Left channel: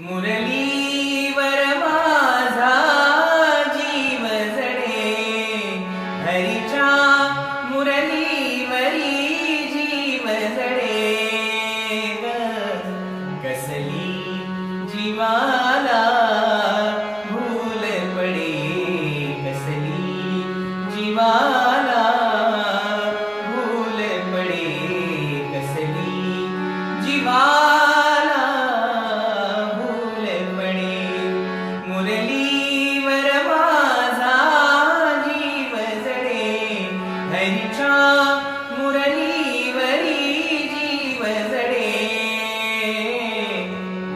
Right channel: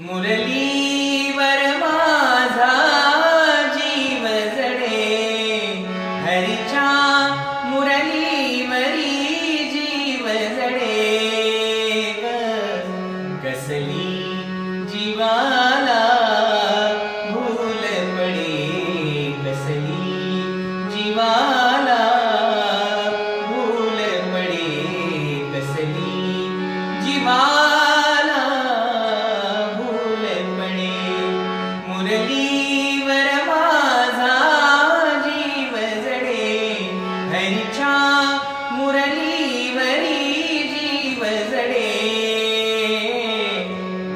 मुरलीवर माझा जीव जडे, हरीच्या मुरलीवरी जीव जडे ग. कसली जीवाला भूल पडे, कसली जीवाला भूल पडे, कसली जीवाला भूल पडे. मुरलीवर माझा जीव जडे, हरीच्या मुरलीवरी जीव जडे.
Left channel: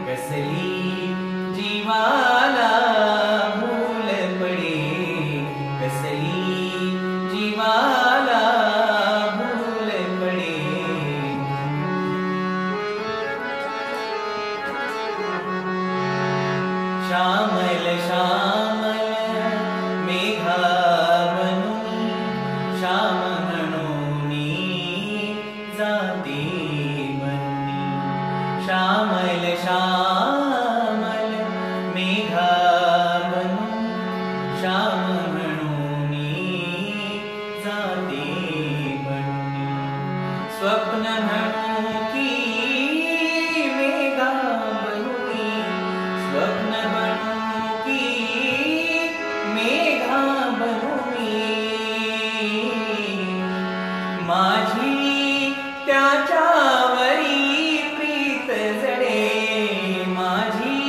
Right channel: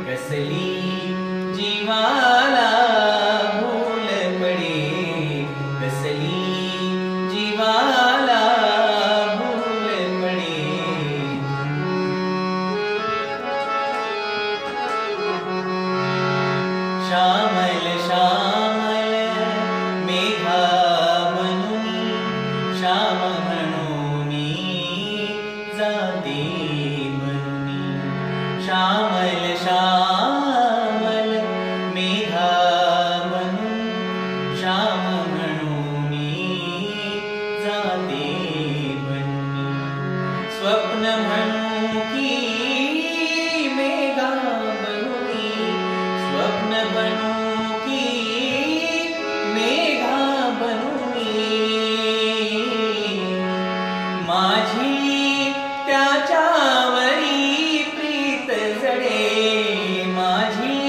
कसली जीवाला भूल पडे, कसली जीवाला भूल पडे. श्यामल श्यामल मेघा बनूनी, श्याम म्हणूनी जाते बनूनी. श्यामल श्यामल मेघा बनून, श्याम म्हणूनी जाते बनूनी. स्वप्न म्हणू की मेघा बनूनी, स्वप्न बनू की मेघा बनूनी. माझी त्याच्यावरी प्रीत जडे, माझी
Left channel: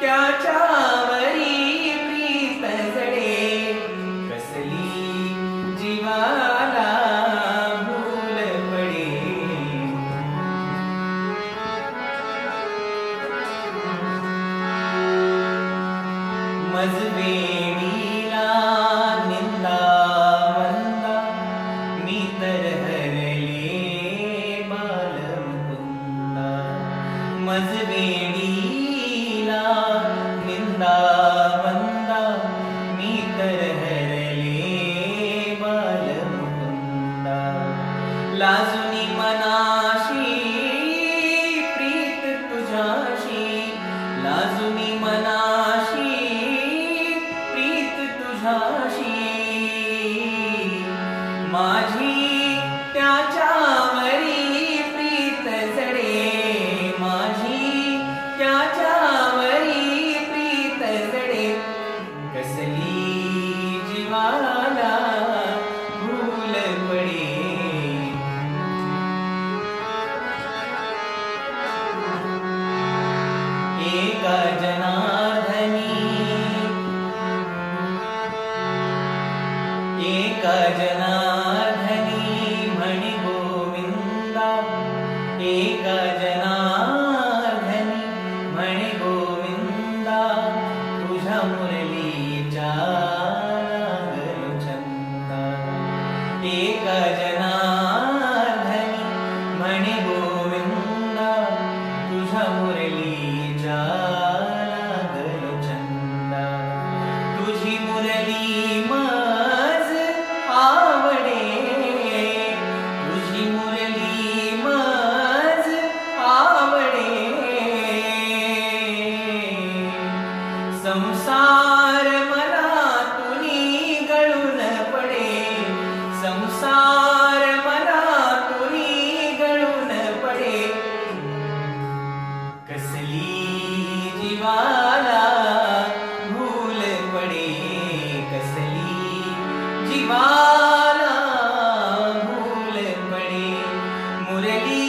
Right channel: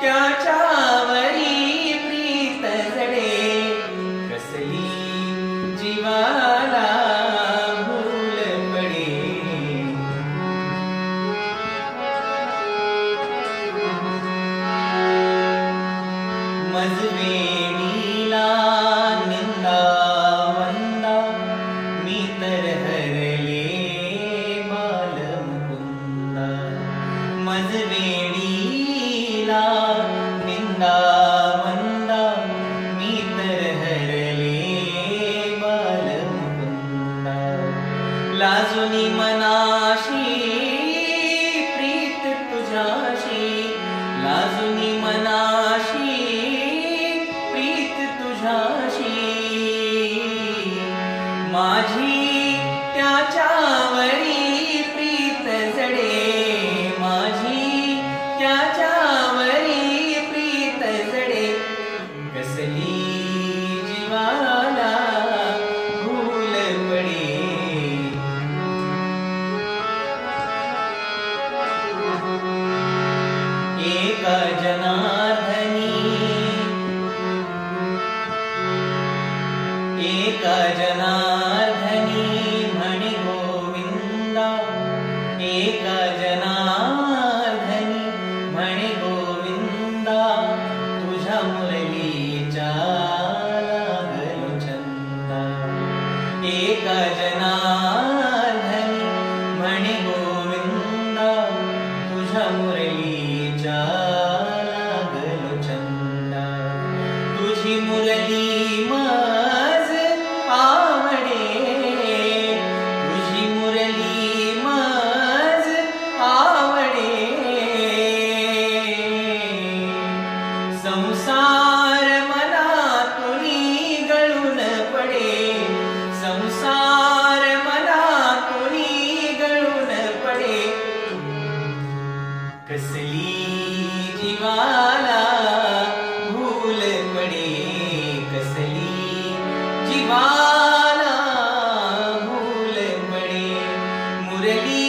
त्याच्यावरी प्रीत जडे. कसली जीवाला भूल पडे. मजवेडीला निंदा वंदा, मी तर हरले बालमुकुंदा. मजवेडीला निंदा वंदा, मी तर हरले बालमुकुंदा. लाजुनी मनाशी प्रीत तुझ्याशी, लाजुनी मनाशी प्रीत तुझ्याशी. माझी त्याच्यावरी प्रीत जडे, माझी त्याच्यावरी प्रीत जडे. कसली जीवाला भूल पडे. एका जनार्दनी, एका जनार्दनी म्हणे गोविंदा, एका जनार्दनी म्हणे गोविंदा. तुझ्या मुरलीच्या लागलो छंदा. एका जनार्दनी म्हणे गोविंदा, तुझ्या मुरलीच्या लागलो छंदा. तुझी मुरली मज आवडे, तुझी मुरली मज आवडे. संसार मनातुनी गळून पडे, संसार मनातुनी गळून पडे. कसली जीवाला भूल पडे, कसली जीवाला भूल पडे. मुरली